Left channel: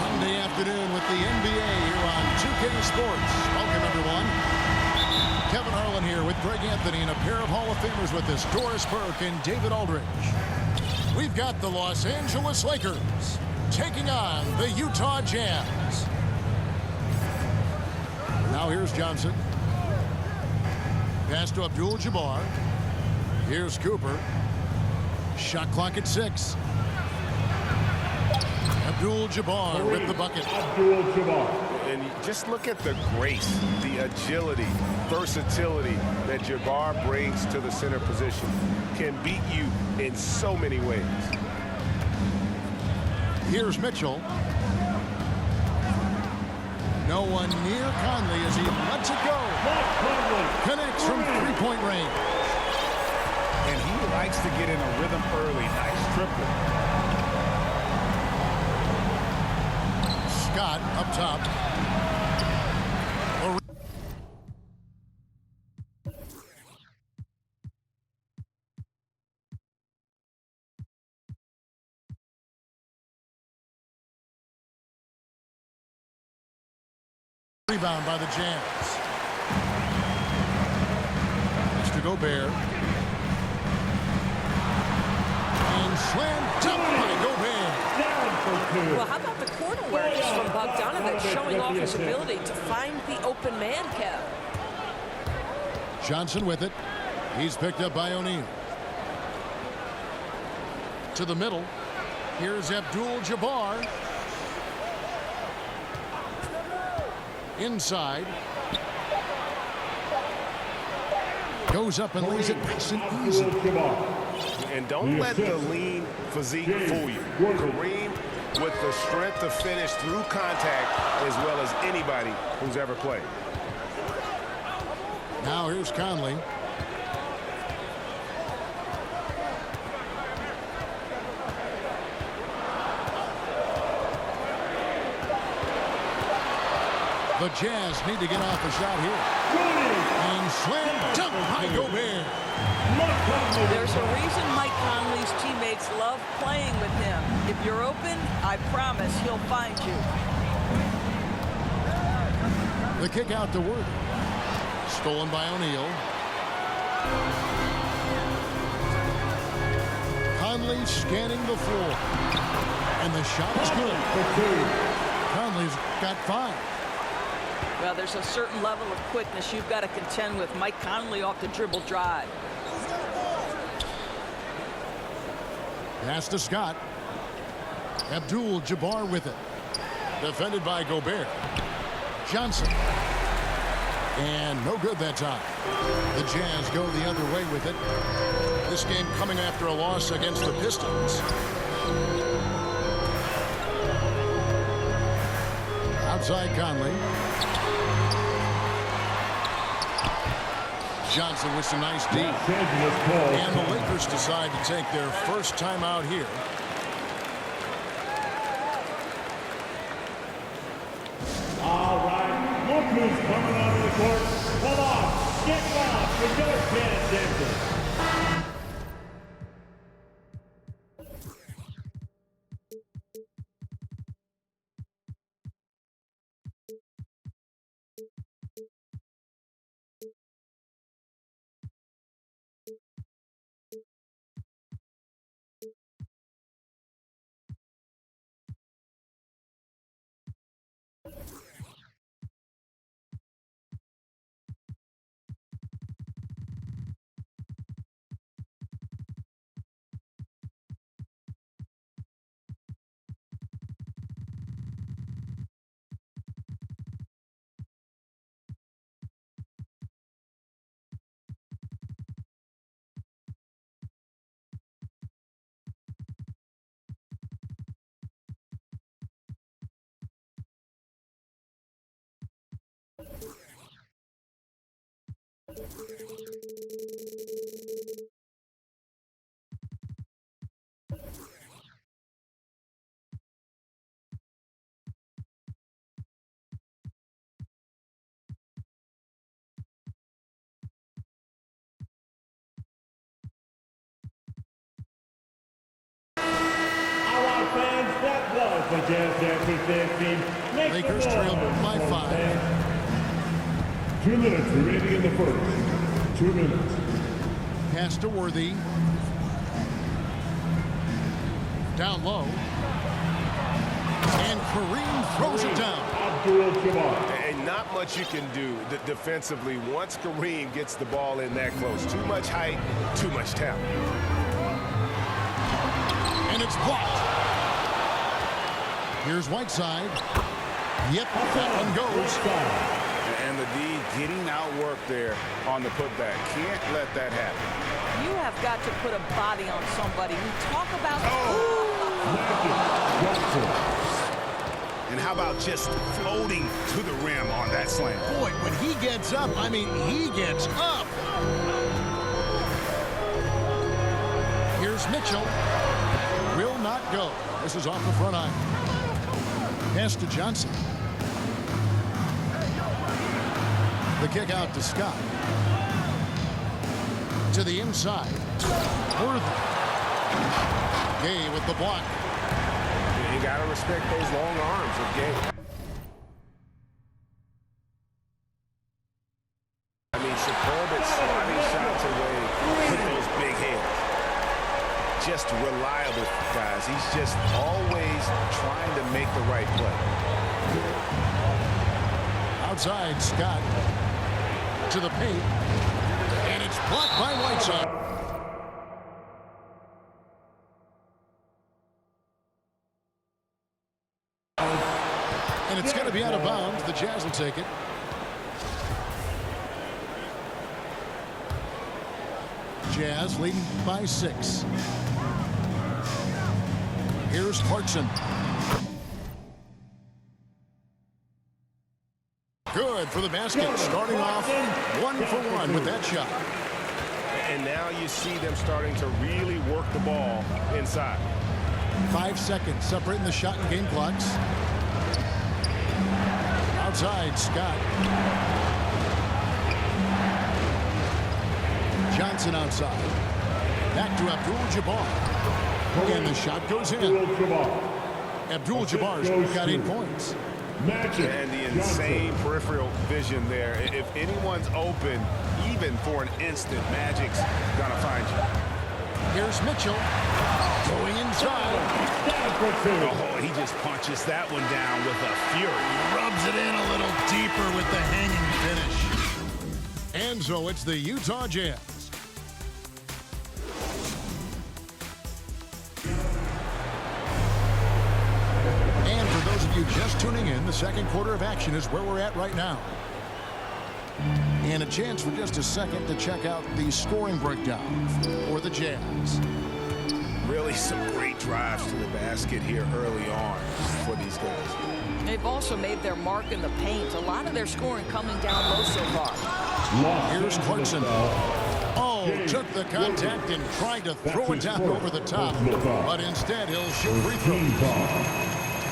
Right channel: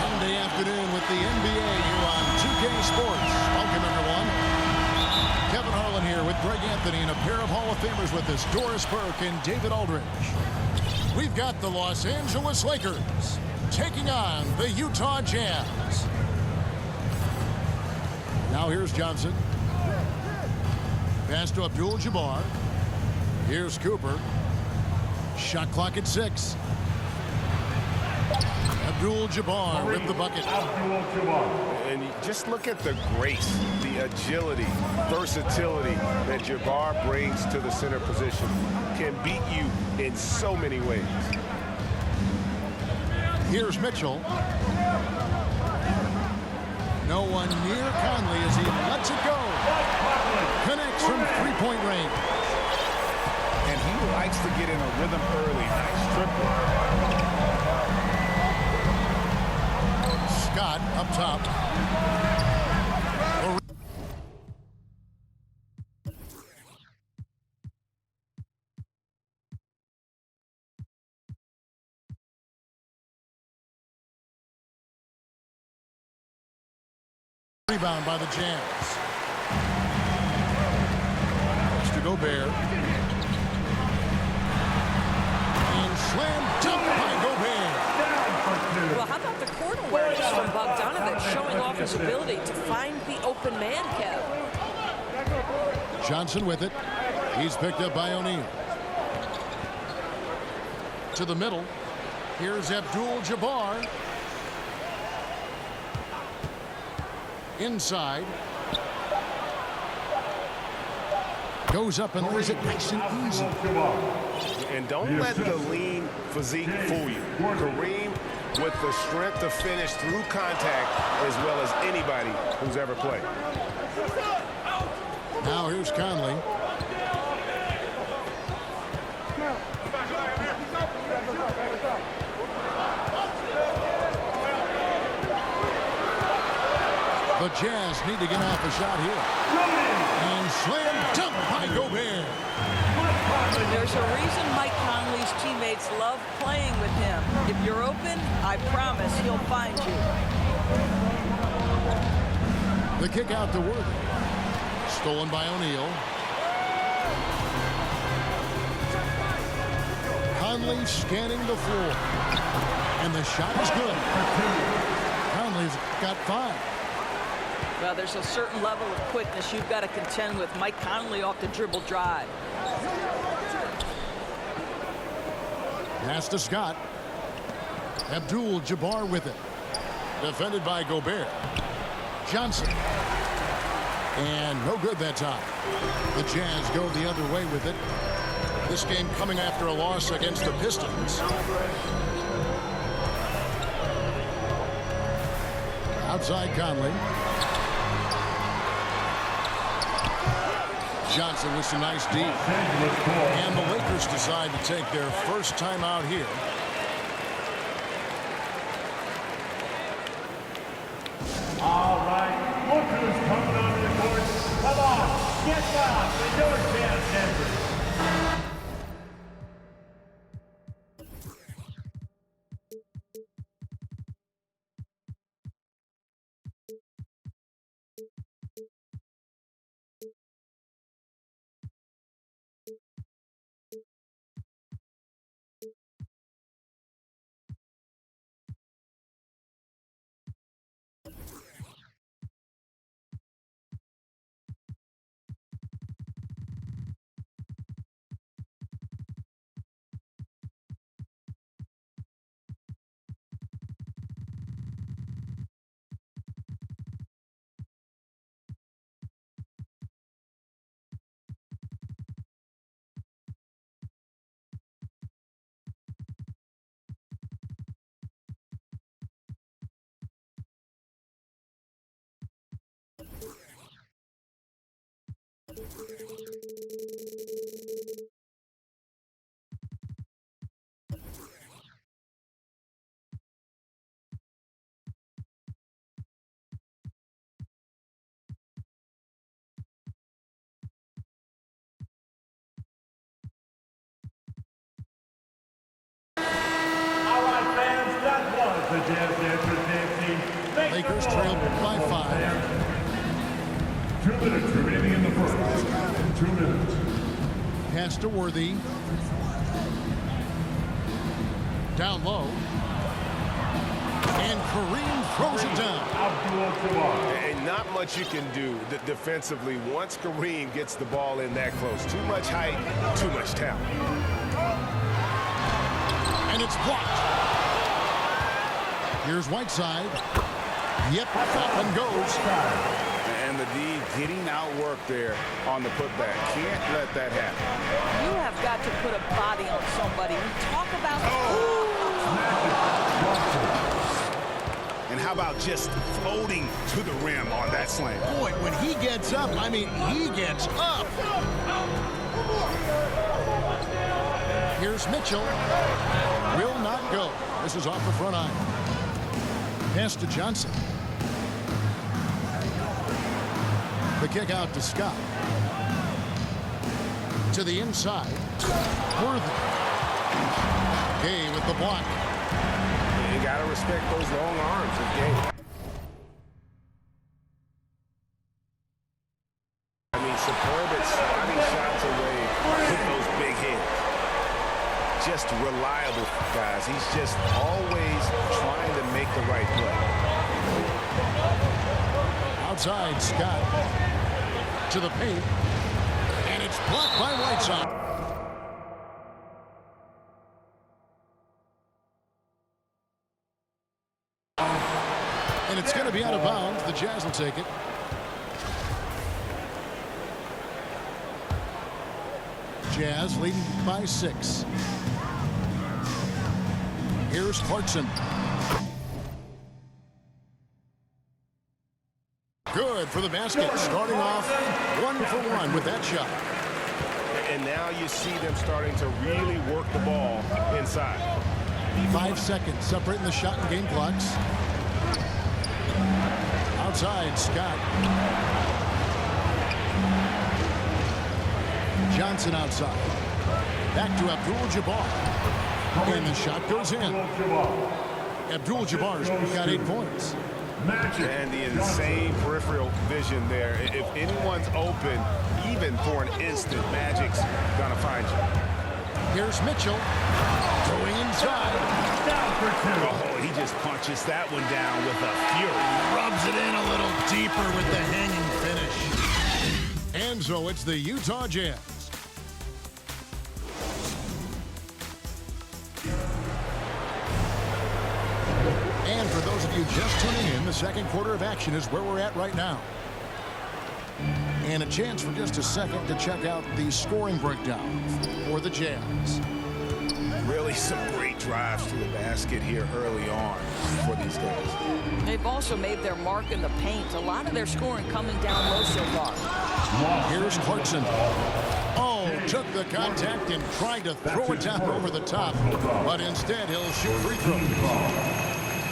Sunday afternoon with the NBA here on 2K Sports. Welcome, everyone. Kevin Harlan here with Greg Anthony and a pair of Hall of Famers with us, Doris Burke and David Aldridge. We've got the Los Angeles Lakers taking on the Utah Jazz. Now here's Johnson. Pass to Abdul-Jabbar. Here's Cooper. Shot clock at 6. Abdul-Jabbar with the bucket. Abdul-Jabbar. And just look at the grace, the agility, versatility that Jabbar brings to the center position. Can beat you in so many ways. Here's Mitchell. No one near Conley as he lets it go. Connects from three-point range. And he likes to get in a rhythm early. Nice triplet. Scott up top. Rebound by the Jazz. It's to Gobert. And slam dunk by Gobert. Well, how about the court awareness from Bogdanovich, showing off his ability to find the open man, Kev? Johnson with it. He's picked up by O'Neal. To the middle. Here's Abdul-Jabbar. Inside. Goes up and lays it nice and easy. And don't let the lean physique fool you. Kareem with the strength to finish through contact as well as anybody who's ever played. Now here's Conley. The Jazz need to get off a shot here. And slam dunk by Gobert. There's a reason Mike Conley's teammates love playing with him. If you're open, I promise he'll find you. The kick out to Worthy. Stolen by O'Neal. Conley scanning the floor. And the shot is good. Conley's got 5. Well, there's a certain level of quickness you've got to contend with Mike Conley off the dribble drive. Pass to Scott. Abdul-Jabbar with it. Defended by Gobert. Johnson. And no good that time. The Jazz go the other way with it. This game coming after a loss against the Pistons. Outside Conley. Johnson with some nice D. And the Lakers decide to take their first time out here. All right, look who's coming onto the court. Come on, get lost and don't pay attention. the jazz dancers dancing. Make Lakers the trail noise, by Bulls 5. fans. 2 minutes remaining in the first. 2 minutes. Pass to Worthy. Down low. And Kareem throws it down. Abdul-Jabbar. And not much you can do defensively once Kareem gets the ball in that close. Too much height, too much talent. And it's blocked. Here's Whiteside. Yep, that one goes. And the D getting outworked there on the putback. Can't let that happen. You have got to put a body on somebody. We talk about... Magic Johnson. And how about just floating to the rim on that slam? Boy, when he gets up, I mean, he gets up. Here's Mitchell. Will not go. This is off the front iron. Pass to Johnson. The kick out to Scott. To the inside. Worthy. Gay with the block. You got to respect those long arms of Gay. I mean, superb at sliding shots away with those big hands. Just reliable, guys. He's just always trying to make the right play. Outside, Scott. To the paint. And it's blocked by Whiteside. And it's going to be out of bounds. The Jazz will take it. Jazz leading by 6. Here's Clarkson. Good for the basket. Starting off 1 for 1 with that shot. And now you see them starting to really work the ball inside. 5 seconds separating the shot and game clocks. Outside, Scott. Johnson outside. Back to Abdul-Jabbar. And the shot goes in. Abdul-Jabbar's got 8 points. And the insane peripheral vision there. If anyone's open, even for an instant, Magic's gonna find you. Here's Mitchell going inside. Down for 2. Oh, he just punches that one down with a fury. Rubs it in a little deeper with the hanging finish. And so it's the Utah Jazz. And for those of you just tuning in, the second quarter of action is where we're at right now. And a chance for just a second to check out the scoring breakdown for the Jazz. Really some great drives to the basket here early on for these guys. They've also made their mark in the paint. A lot of their scoring coming down low so far. Here's Clarkson. Oh, took the contact and tried to throw it down over the top. But instead, he'll shoot free throws.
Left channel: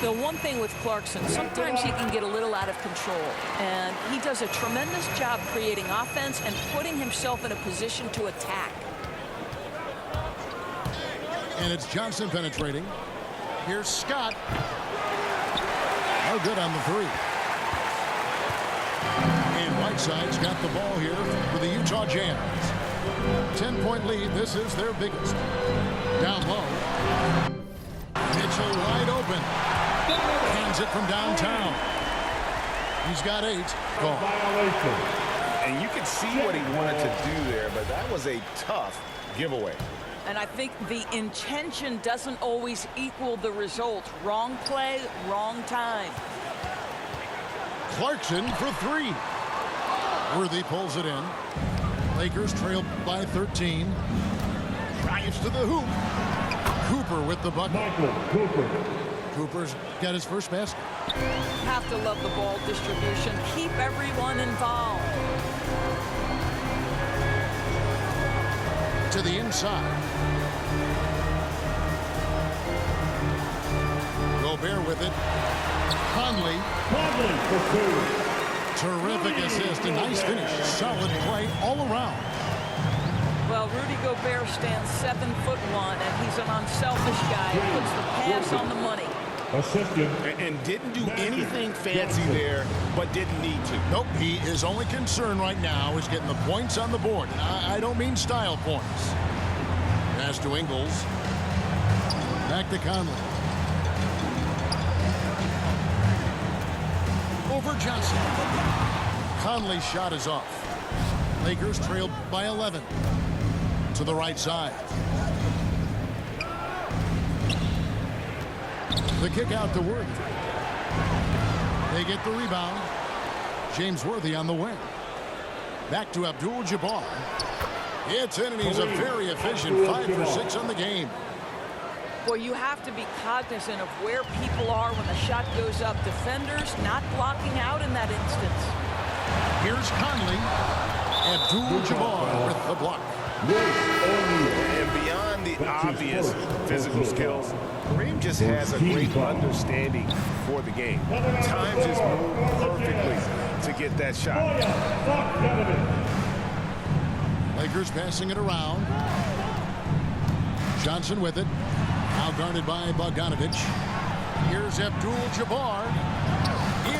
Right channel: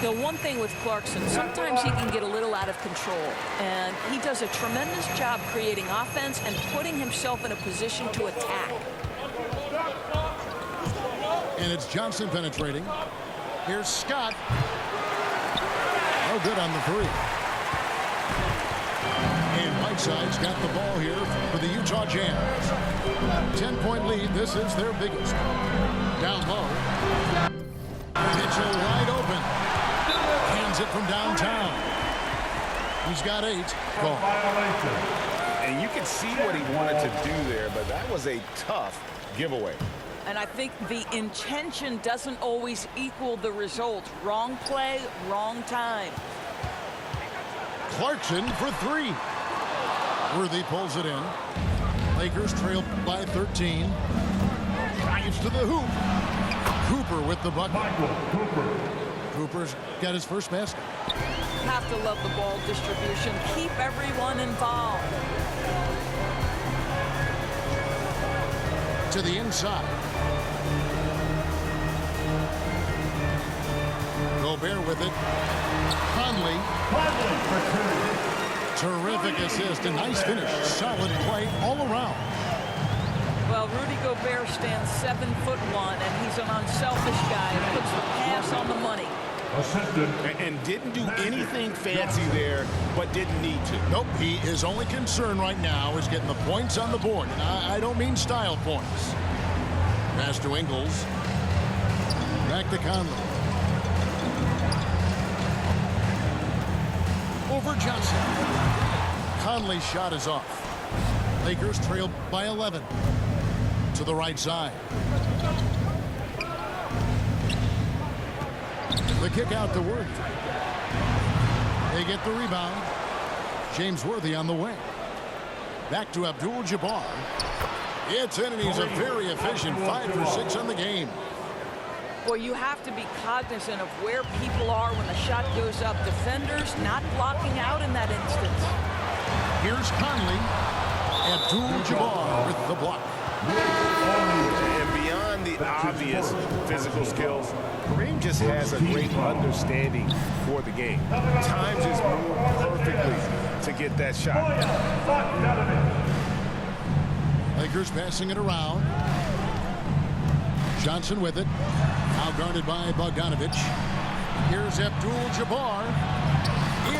The one thing with Clarkson, sometimes he can get a little out of control. And he does a tremendous job creating offense and putting himself in a position to attack. And it's Johnson penetrating. Here's Scott. No good on the 3. And Whiteside's got the ball here for the Utah Jazz. 10-point lead. This is their biggest. Down low. Mitchell wide open. Hands it from downtown. He's got 8. Gone. And you can see what he wanted to do there, but that was a tough giveaway. And I think the intention doesn't always equal the result. Wrong play, wrong time. Clarkson for 3. Worthy pulls it in. Lakers trail by 13. Drives to the hoop. Cooper with the bucket. Michael Cooper. Cooper's got his first basket. Have to love the ball distribution. Keep everyone involved. To the inside. Gobert with it. Conley. Conley for 2. Terrific assist. A nice finish. Solid play all around. Well, Rudy Gobert stands 7'1", and he's an unselfish guy who puts the pass on the money. Assistant. And didn't do anything fancy there, but didn't need to. Nope, his only concern right now is getting the points on the board. And I don't mean style points. Pass to Ingles. Back to Conley. Over Johnson. Conley's shot is off. Lakers trail by 11. To the right side. The kick out to Worthy. They get the rebound. James Worthy on the wing. Back to Abdul-Jabbar. It's in, and he's a very efficient 5 for 6 on the game. Boy, you have to be cognizant of where people are when the shot goes up. Defenders not blocking out in that instance. Here's Conley. Abdul-Jabbar with the block. And beyond the obvious physical skills, Kareem just has a great understanding for the game. Times his move perfectly to get that shot. Lakers passing it around. Johnson with it. Now guarded by Bogdanovich. Here's Abdul-Jabbar.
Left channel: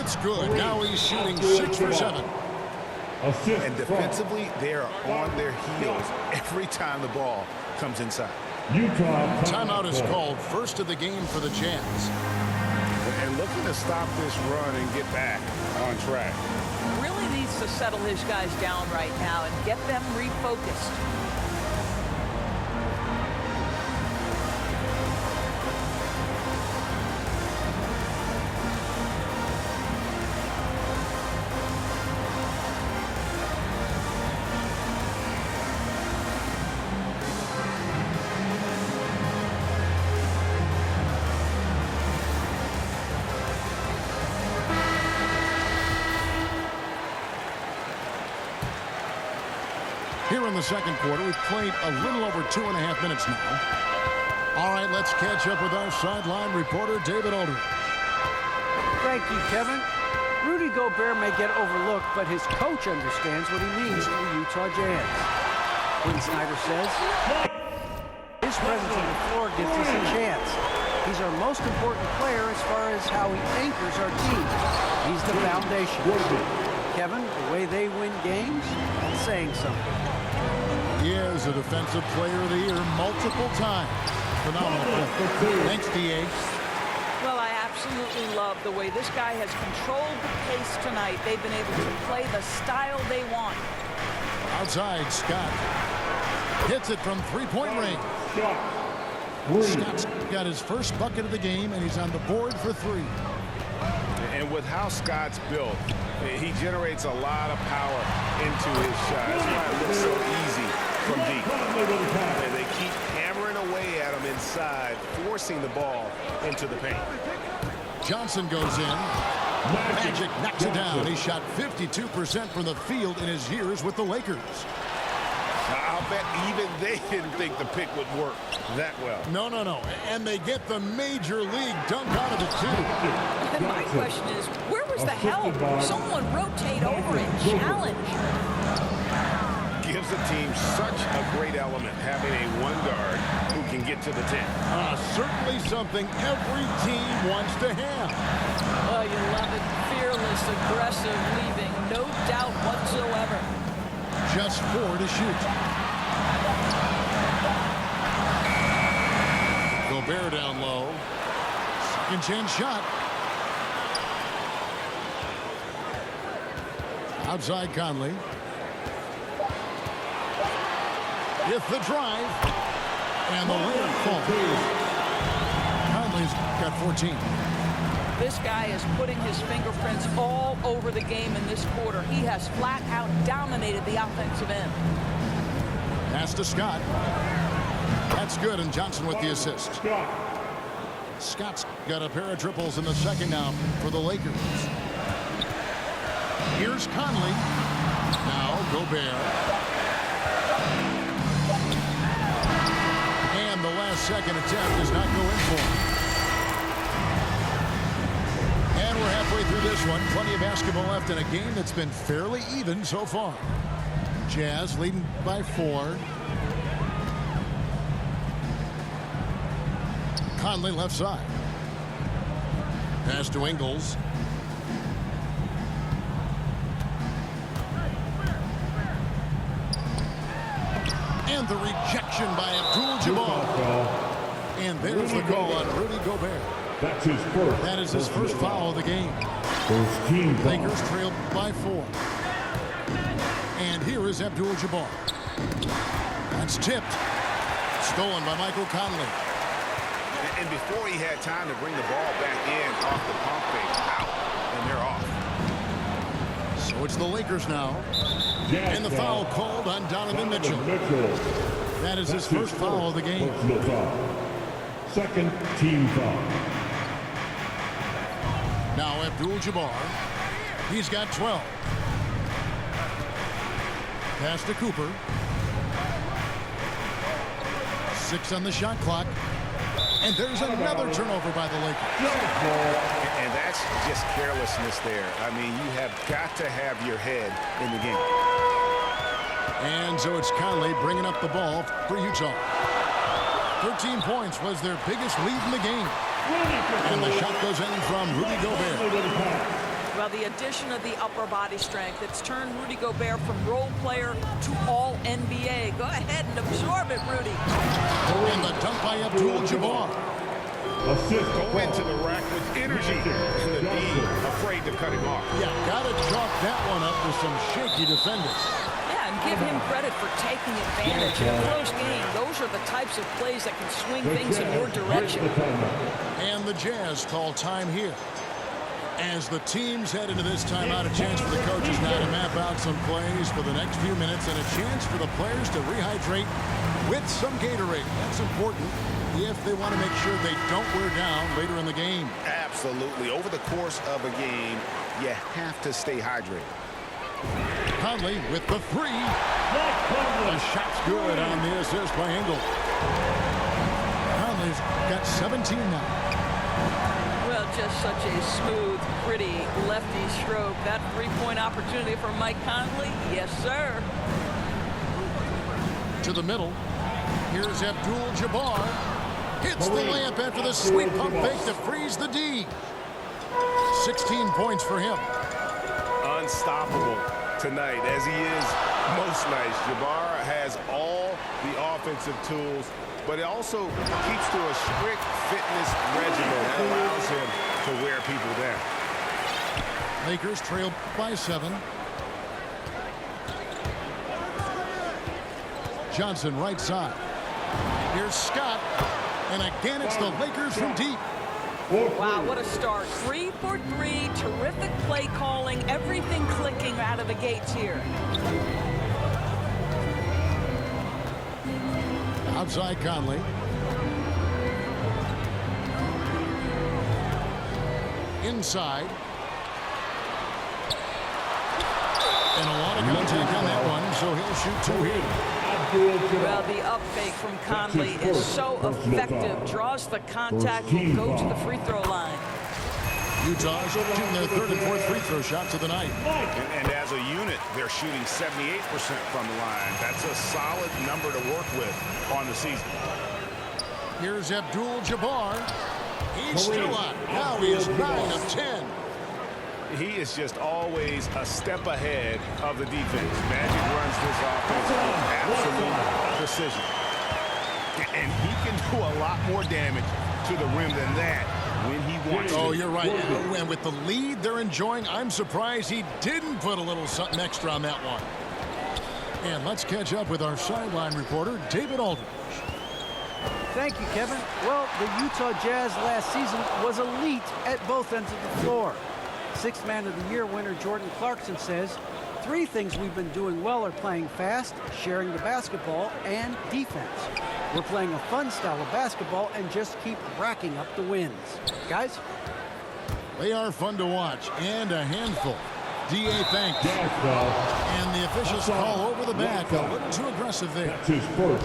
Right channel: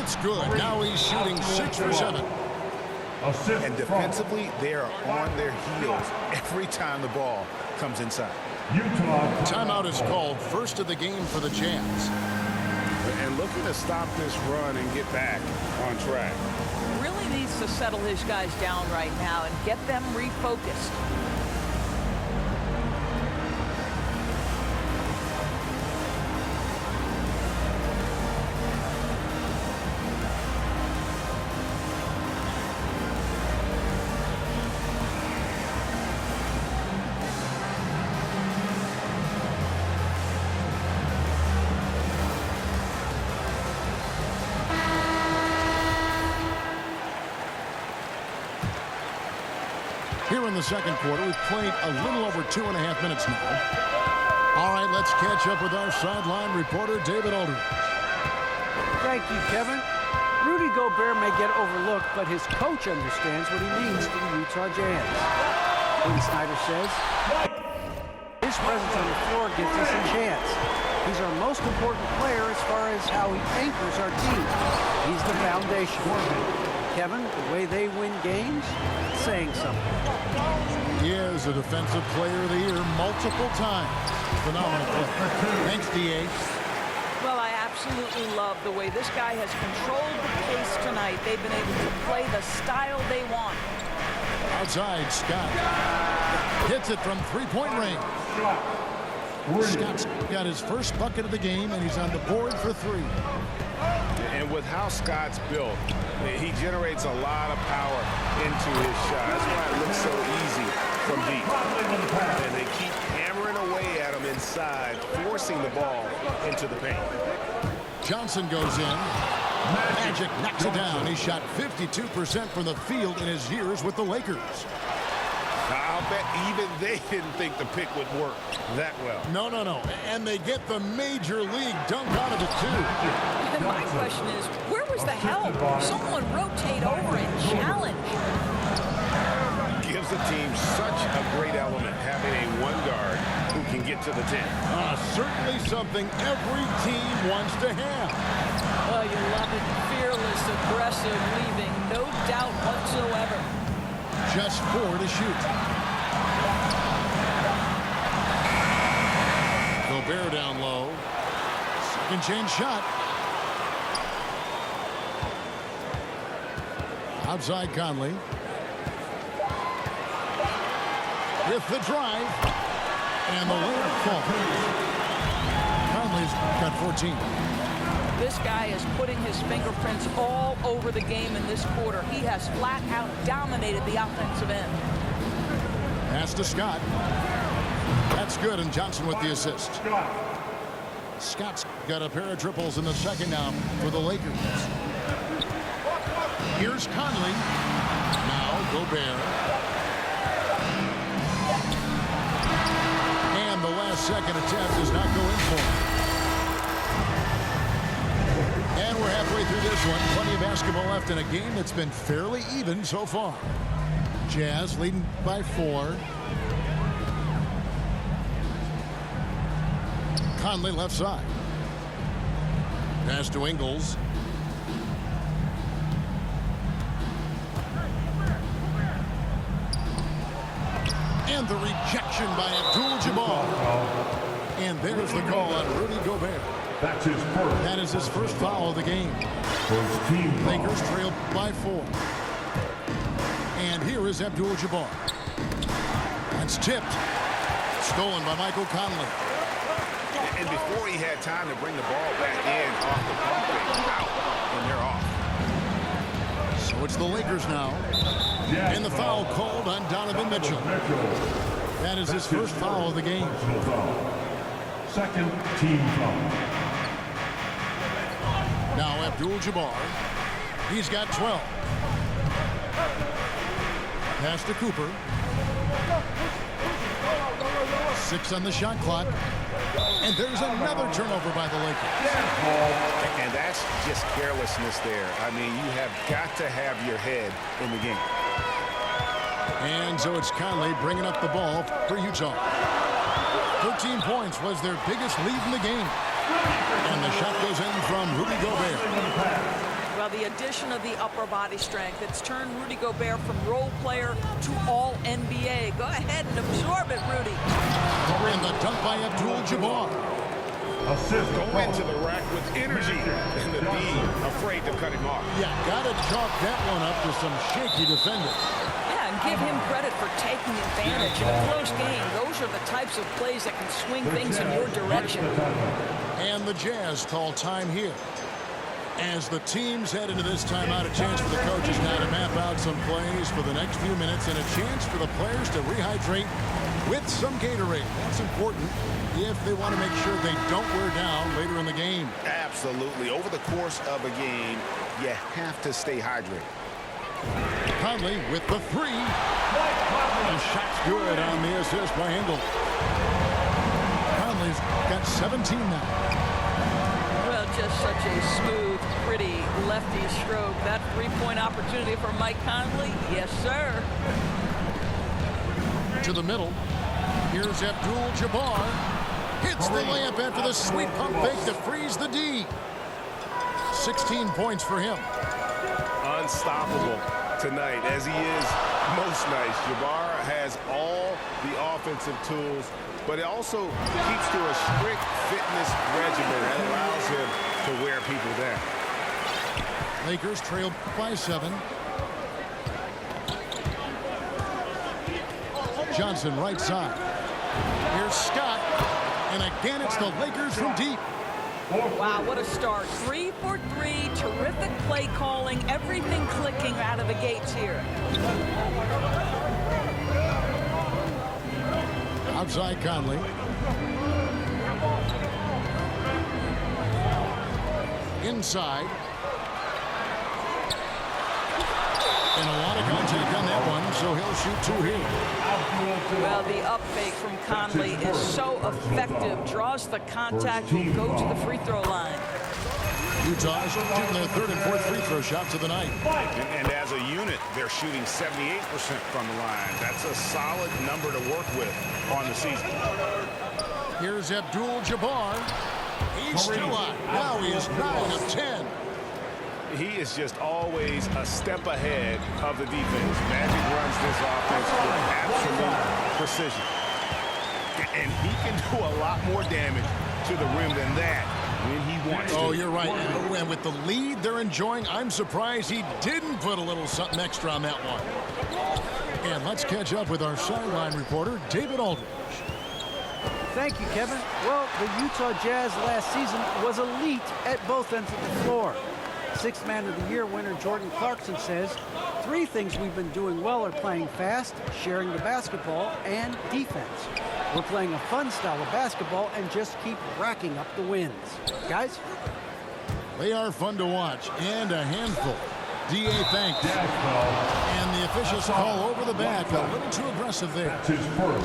It's good. Now he's shooting 6 for 7. And defensively, they are on their heels every time the ball comes inside. Timeout is called, first of the game for the Jazz. And looking to stop this run and get back on track. Really needs to settle his guys down right now and get them refocused. Here in the second quarter, we've played a little over 2.5 minutes now. All right, let's catch up with our sideline reporter, David Aldridge. Thank you, Kevin. Rudy Gobert may get overlooked, but his coach understands what he means to the Utah Jazz. Quinn Snyder says, his presence on the floor gives us a chance. He's our most important player as far as how he anchors our team. He's the foundation. Kevin, the way they win games, that's saying something. He is a defensive player of the year multiple times. Phenomenal play. Thanks, D.A. Well, I absolutely love the way this guy has controlled the pace tonight. They've been able to play the style they want. Outside, Scott. Hits it from three-point range. Scott's got his first bucket of the game, and he's on the board for 3. And with how Scott's built, he generates a lot of power into his shot. That's why it looks so easy from deep. And they keep hammering away at him inside, forcing the ball into the paint. Johnson goes in. Magic knocks it down. He shot 52% from the field in his years with the Lakers. I'll bet even they didn't think the pick would work that well. No. And they get the major league dunk out of it, too. And my question is, where was the help? Someone rotate over and challenge. Gives the team such a great element, having a one guard who can get to the 10. Certainly something every team wants to have. Oh, you love it. Fearless, aggressive, leaving no doubt whatsoever. Just 4 to shoot. Gobert down low. Second chance shot. Outside Conley. With the drive. And the layup falls. Conley's got 14. This guy is putting his fingerprints all over the game in this quarter. He has flat out dominated the offensive end. Pass to Scott. That's good, and Johnson with the assist. Scott's got a pair of triples in the second now for the Lakers. Here's Conley. Now Gobert. And the last second attempt does not go in for him. And we're halfway through this one. Plenty of basketball left in a game that's been fairly even so far. Jazz leading by 4. Conley left side. Pass to Ingles. And the rejection by Abdul-Jabbar. And there's the call on Rudy Gobert. That's his first. That is his first foul of the game. First team foul. Lakers trail by 4. And here is Abdul-Jabbar. That's tipped. Stolen by Michael Conley. And before he had time to bring the ball back in off the pump fake, out, and they're off. So it's the Lakers now. And the foul called on Donovan Mitchell. That is his first foul of the game. Personal foul. Second team foul. Now Abdul-Jabbar. He's got 12. Pass to Cooper. 6 on the shot clock. And there's another turnover by the Lakers. And that's just carelessness there. I mean, you have got to have your head in the game. And so it's Conley bringing up the ball for Utah. 13 points was their biggest lead in the game. And the shot goes in from Rudy Gobert. Well, the addition of the upper body strength, it's turned Rudy Gobert from role player to all NBA. Go ahead and absorb it, Rudy. And the dunk by Abdul-Jabbar. Assist. Go into the rack with energy. And the D afraid to cut him off. Yeah, gotta chalk that one up to some shaky defending. Yeah, and give him credit for taking advantage in a close game. Those are the types of plays that can swing things in your direction. And the Jazz call time here. As the teams head into this timeout, a chance for the coaches now to map out some plays for the next few minutes and a chance for the players to rehydrate with some Gatorade. That's important if they want to make sure they don't wear down later in the game. Absolutely. Over the course of a game, you have to stay hydrated. Conley with the 3. The shot's good on the assist by Ingles. Conley's got 17 now. Well, just such a smooth, pretty lefty stroke. That three-point opportunity for Mike Conley, yes, sir. To the middle. Here's Abdul-Jabbar. Hits the layup after the sweet pump fake to freeze the D. 16 points for him. Unstoppable tonight, as he is most nights. Jabbar has all the offensive tools, but it also keeps to a strict fitness regimen that allows him to wear people down. Lakers trail by 7. Johnson right side. Here's Scott. And again, it's the Lakers from deep. Wow, what a start. 3 for 3. Terrific play calling. Everything clicking out of the gates here. Outside Conley. Inside. And a lot of contact on that one, so he'll shoot 2 here. Well, the up fake from Conley is so effective. Draws the contact, will go to the free throw line. Utah's shooting their 3rd and 4th free throw shots of the night. And as a unit, they're shooting 78% from the line. That's a solid number to work with on the season. Here's Abdul-Jabbar. He's still out. Now he is 9 of 10. He is just always a step ahead of the defense. Magic runs this offense with absolute precision. And he can do a lot more damage to the rim than that when he wants to. Oh, you're right. And with the lead they're enjoying, I'm surprised he didn't put a little something extra on that one. And let's catch up with our sideline reporter, David Aldridge. Thank you, Kevin. Well, the Utah Jazz last season was elite at both ends of the floor. 6th Man of the Year winner Jordan Clarkson says, 3 things we've been doing well are playing fast, sharing the basketball, and defense. We're playing a fun style of basketball and just keep racking up the wins. Guys? They are fun to watch and a handful. DA thanks. And the officials call over the back. A little too aggressive there. That's his first.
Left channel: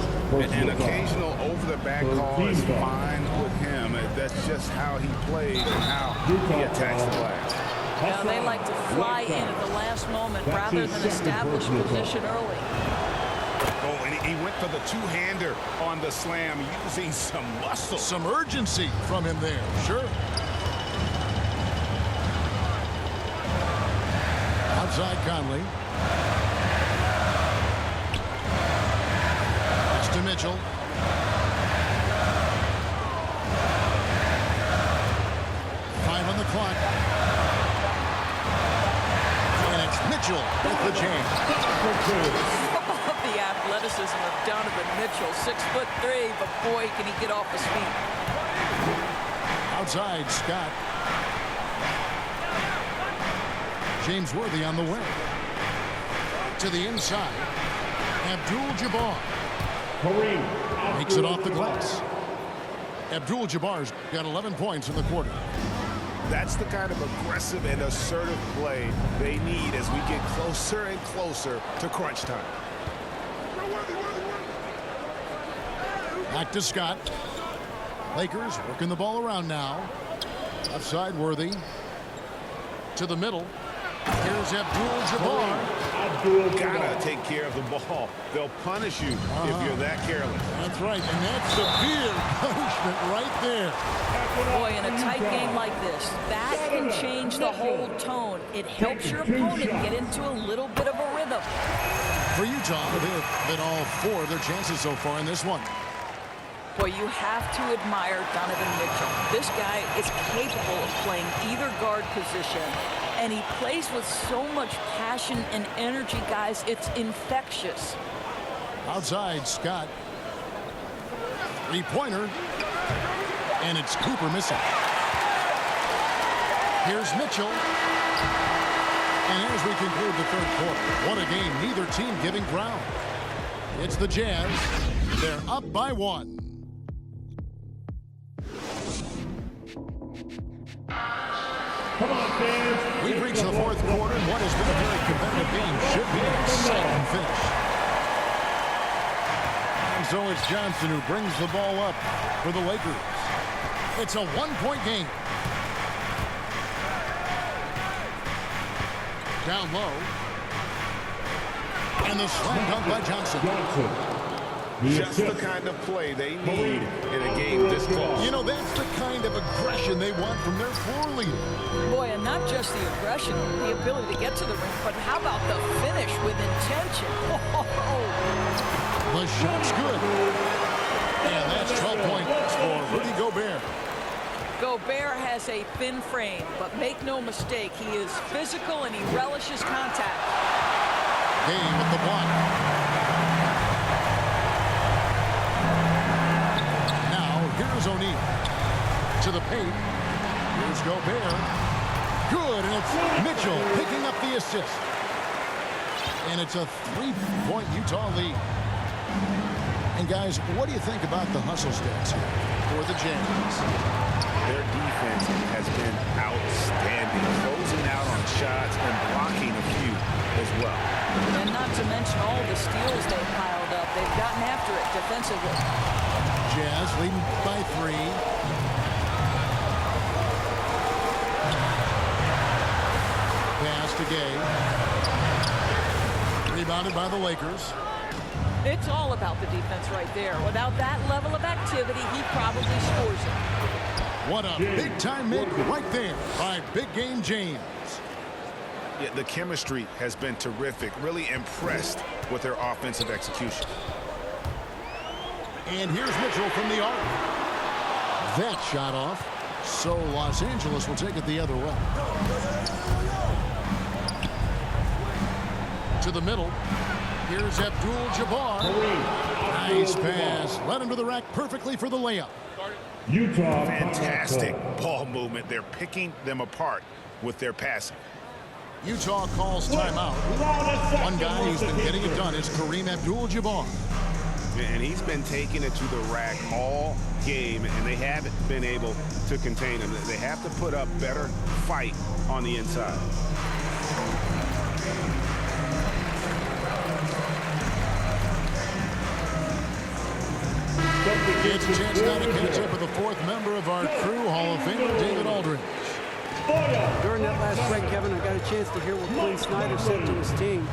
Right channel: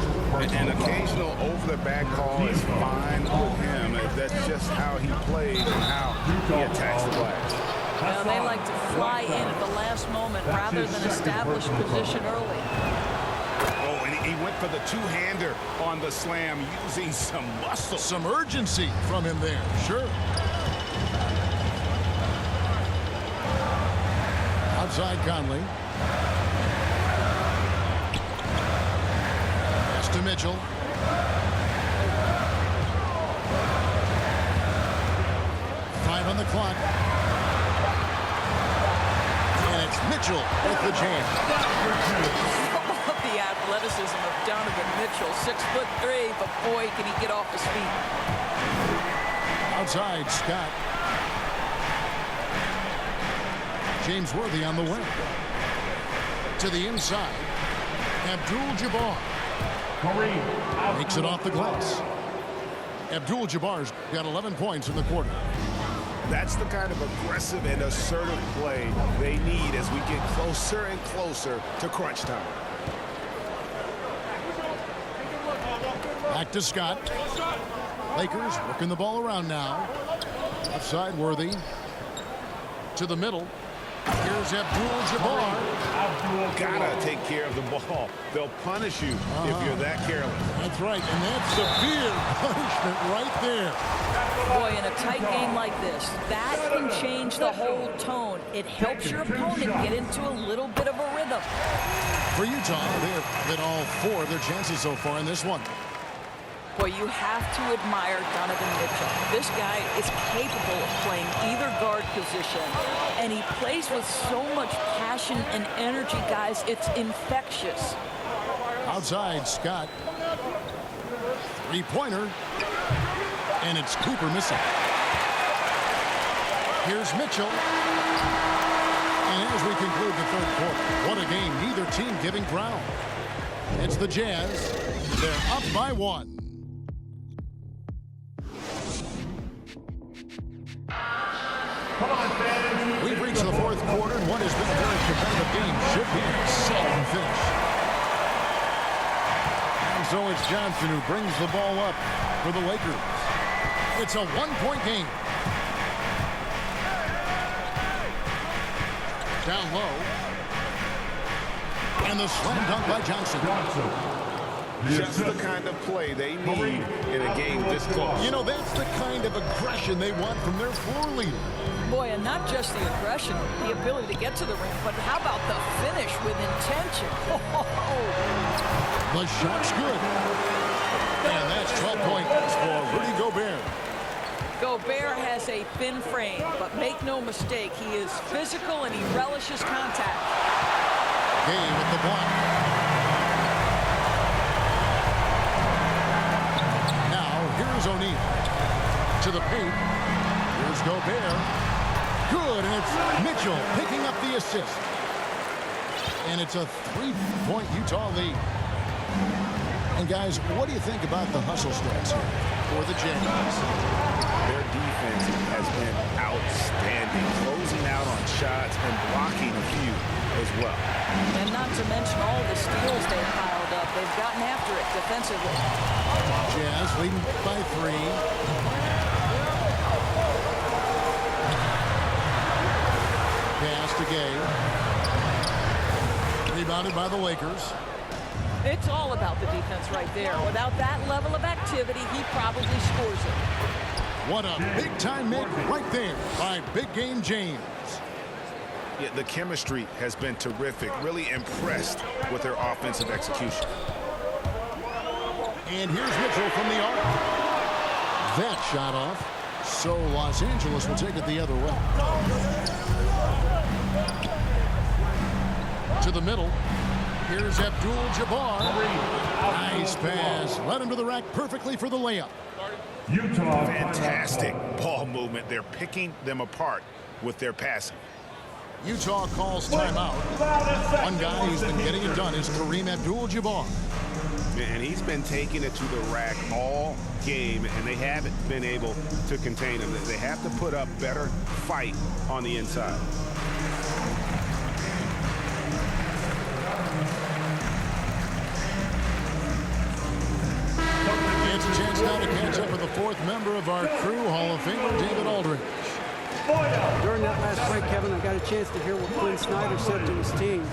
An occasional over-the-back call is fine with him. That's just how he plays and how he attacks the glass. Well, they like to fly in at the last moment rather than establish position early. Oh, and he went for the two-hander on the slam, using some muscle. Some urgency from him there, sure. Outside Conley. Pass to Mitchell. Five on the clock. And it's Mitchell with the jam. How about the athleticism of Donovan Mitchell? 6'3", but boy, can he get off his feet. Outside, Scott. James Worthy on the wing. To the inside. Abdul-Jabbar. Makes it off the glass. Abdul-Jabbar's got 11 points in the quarter. That's the kind of aggressive and assertive play they need as we get closer and closer to crunch time. Back to Scott. Lakers working the ball around now. Left side, Worthy. To the middle. Here's Abdul-Jabbar. Gotta take care of the ball. They'll punish you if you're that careless. That's right, and that's severe punishment right there. Boy, in a tight game like this, that can change the whole tone. It helps your opponent get into a little bit of a rhythm. For Utah, they have hit all 4 of their chances so far in this one. Boy, you have to admire Donovan Mitchell. This guy is capable of playing either guard position, and he plays with so much passion and energy, guys. It's infectious. Outside, Scott. Three-pointer. And it's Cooper missing. Here's Mitchell. And as we conclude the third quarter, what a game. Neither team giving ground. It's the Jazz. They're up by 1. Come on, fans. We've reached the fourth quarter, and what has been a very competitive game should be an exciting finish. And so it's Johnson who brings the ball up for the Lakers. It's a 1-point game. Down low. And the slam dunk by Johnson. Just the kind of play they need in a game this close. You know, that's the kind of aggression they want from their floor leader. Boy, and not just the aggression, the ability to get to the ring, but how about the finish with intention? The shot's good. And that's 12 points for Rudy Gobert. Gobert has a thin frame, but make no mistake, he is physical and he relishes contact. Gay with the block. Now, here's O'Neal. To the paint. Here's Gobert. Good, and it's Mitchell picking up the assist. And it's a 3-point Utah lead. And guys, what do you think about the hustle stats here for the Jazz? Their defense has been outstanding, closing out on shots and blocking a few as well. And not to mention all the steals they piled up. They've gotten after it defensively. Jazz leading by 3. Pass to Gay. Rebounded by the Lakers. It's all about the defense right there. Without that level of activity, he probably scores it. What a big-time make right there by Big Game James. Yeah, the chemistry has been terrific. Really impressed with their offensive execution. And here's Mitchell from the arc. That shot off. So Los Angeles will take it the other way. To the middle. Here's Abdul-Jabbar. Nice pass. Led him to the rack perfectly for the layup. Utah. Fantastic ball movement. They're picking them apart with their passing. Utah calls timeout. One guy who's been getting it done is Kareem Abdul-Jabbar. And he's been taking it to the rack all game, and they haven't been able to contain him. They have to put up better fight on the inside. It's a chance now to catch up with the fourth member of our crew, Hall of Famer David Aldridge. During that last break, Kevin, I got a chance to hear what Quinn Snyder said to his team.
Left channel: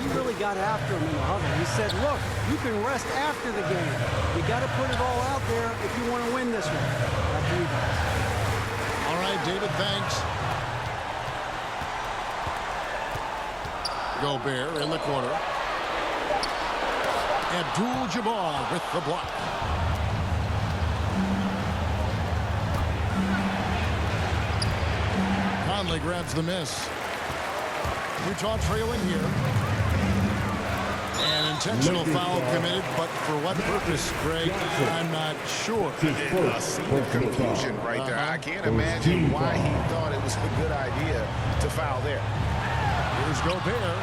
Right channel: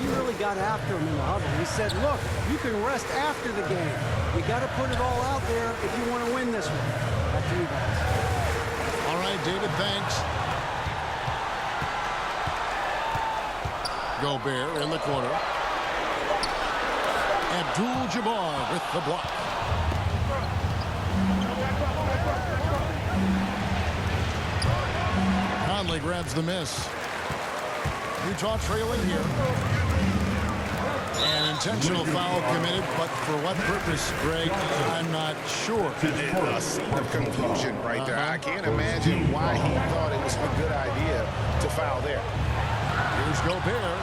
He really got after him in the huddle. He said, look, you can rest after the game. You got to put it all out there if you want to win this one. Back to you guys. All right, David, thanks. Gobert in the corner. Abdul-Jabbar with the block. Conley grabs the miss. Utah trailing here. An intentional foul committed, but for what purpose, Greg, I'm not sure. A scene of confusion right there. I can't imagine why he thought it was a good idea to foul there. Here's Gobert.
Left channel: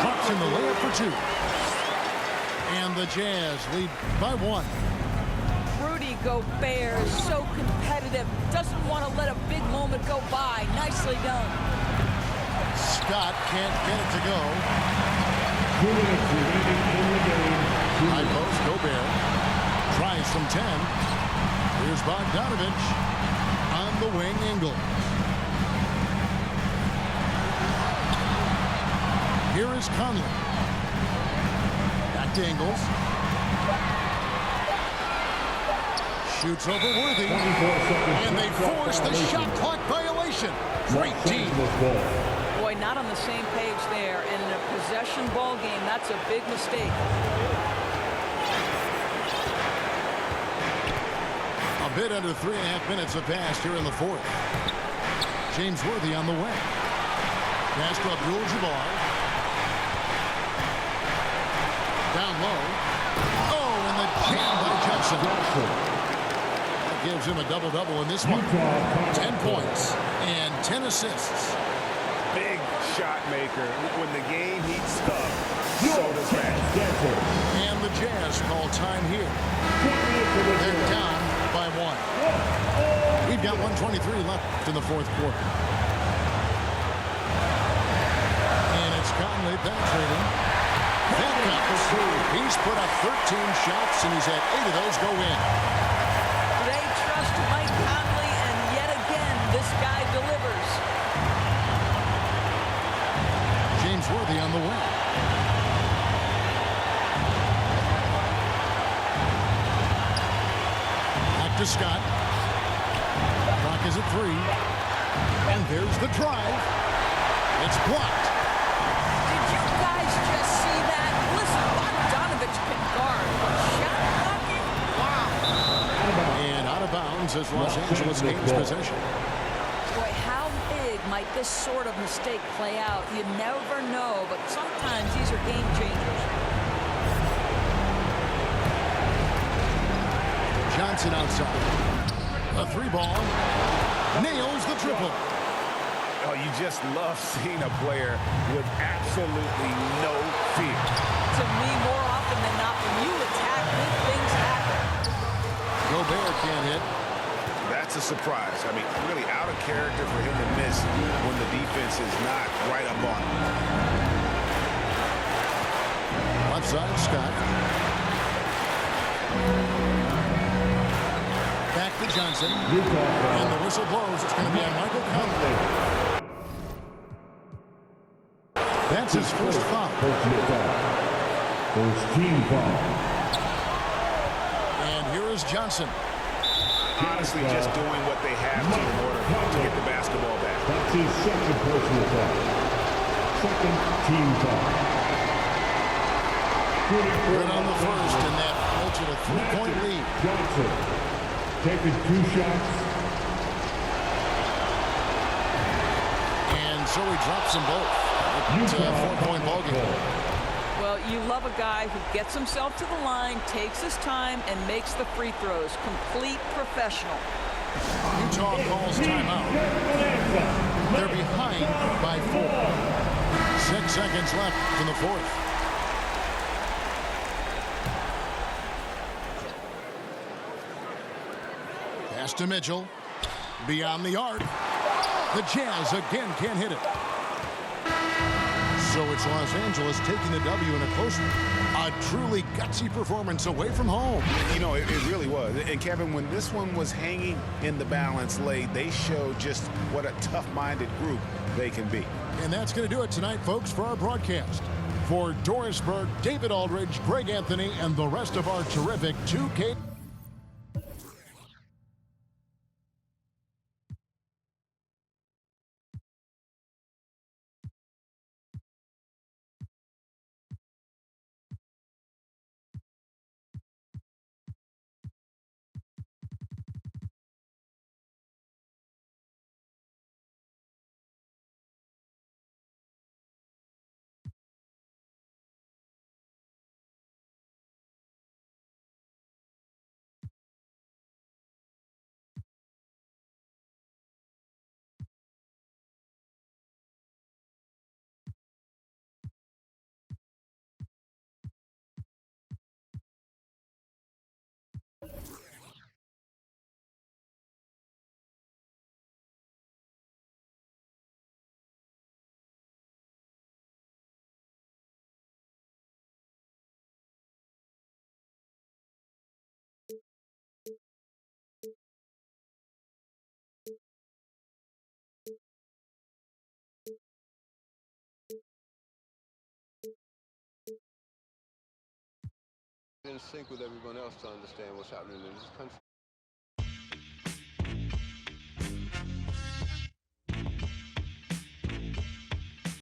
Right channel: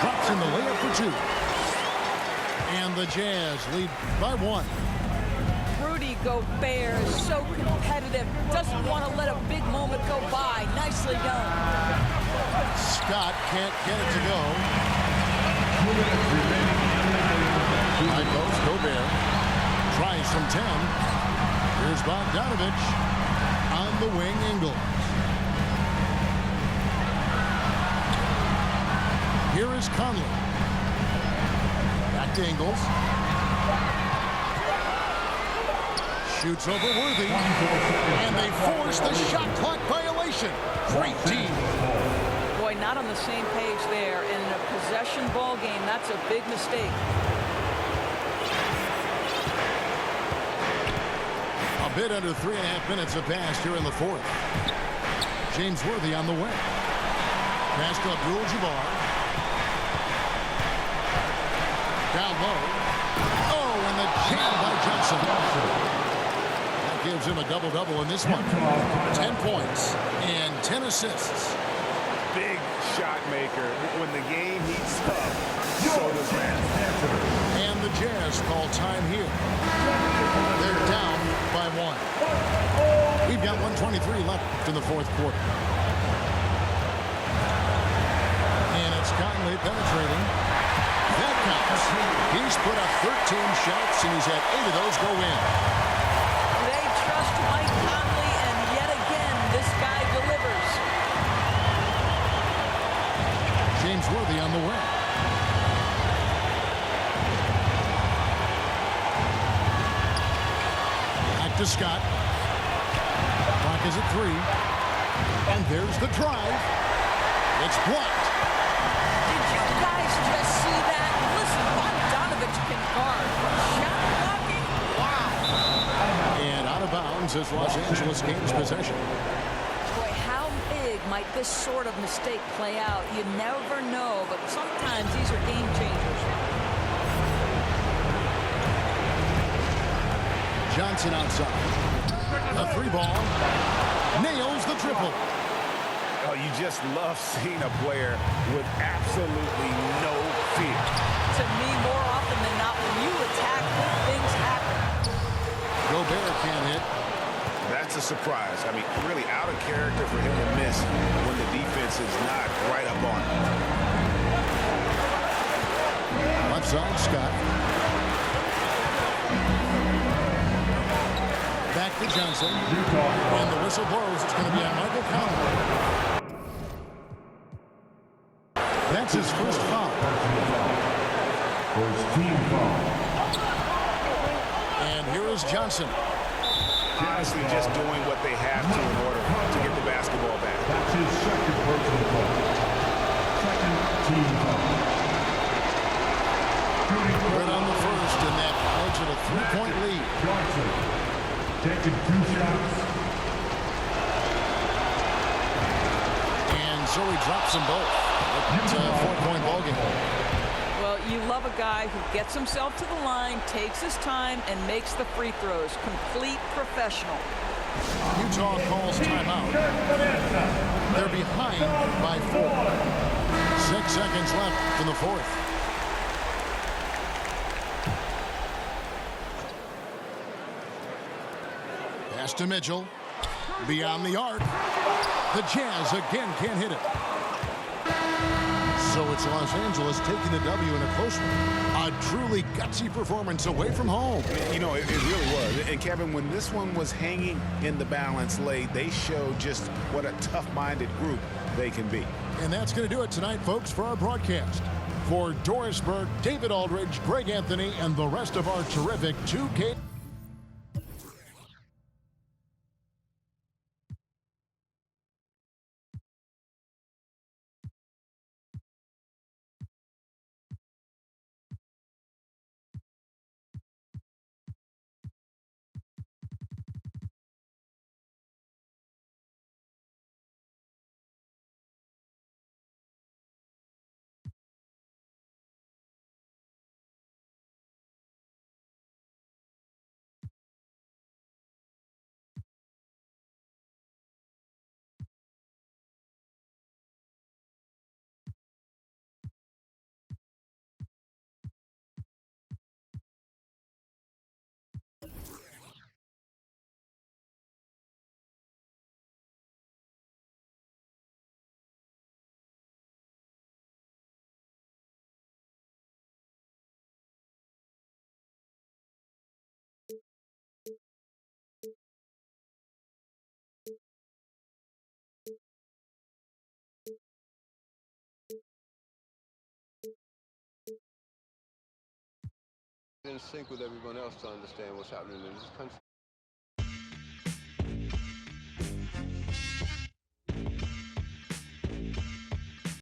Drops in the layup for two. And the Jazz lead by 1. Rudy Gobert is so competitive. Doesn't want to let a big moment go by. Nicely done. Scott can't get it to go. 2 minutes remaining in the game. High post, Gobert. Tries from 10. Here's Bogdanovich. On the wing, Ingles. Here is Conley. Back to Ingles. Shoots over Worthy. And they force the shot clock violation. Great team. Boy, not on the same page there. And in a possession ball game, that's a big mistake. A bit under 3.5 minutes have passed here in the fourth. James Worthy on the wing. Pass to Abdul-Jabbar. Down low. Oh, and the jam by Johnson. That gives him a double-double in this one. 10 points and 10 assists. Big shot maker. When the game heats up, so does Matt. And the Jazz call time here. They're down by 1. We've got 1:23 left in the fourth quarter. And it's Conley penetrating. That counts. He's put up 13 shots, and he's had 8 of those go in. They trust Mike Conley, and yet again, this guy delivers. James Worthy on the wing. Back to Scott. Clock is at 3. And there's the drive. It's blocked. Did you guys just see that? Listen, Bogdanovich can guard, but shot blocking? Wow. And out of bounds as Los Angeles gains possession. Boy, how big might this sort of mistake play out? You never know, but sometimes these are game changers. Johnson outside. A 3-ball. Nails the triple. Oh, you just love seeing a player with absolutely no fear. To me, more often than not, when you attack, good things happen. Gobert can't hit. That's a surprise. I mean, really out of character for him to miss when the defense is not right up on him. Left side, Scott. Back to Johnson. And the whistle blows. It's going to be on Michael Conley. That's his first foul. First team foul. And here is Johnson. Honestly, just doing what they have to in order to get the basketball back. That's his second personal foul. Second team foul. Good on the first, and that makes it a 3-point lead. Johnson taking 2 shots. And so he drops them both. It's a 4-point ballgame. Well, you love a guy who gets himself to the line, takes his time, and makes the free throws. Complete professional. Utah calls timeout. They're behind by 4. 6 seconds left in the fourth. Pass to Mitchell. Beyond the arc. The Jazz again can't hit it. So it's Los Angeles taking the W in a close one. A truly gutsy performance away from home. You know, it really was. And Kevin, when this one was hanging in the balance late, they showed just what a tough-minded group they can be. And that's going to do it tonight, folks, for our broadcast. For Doris Burke, David Aldridge, Greg Anthony, and the rest of our terrific 2K in sync with everyone else to understand what's happening in this country.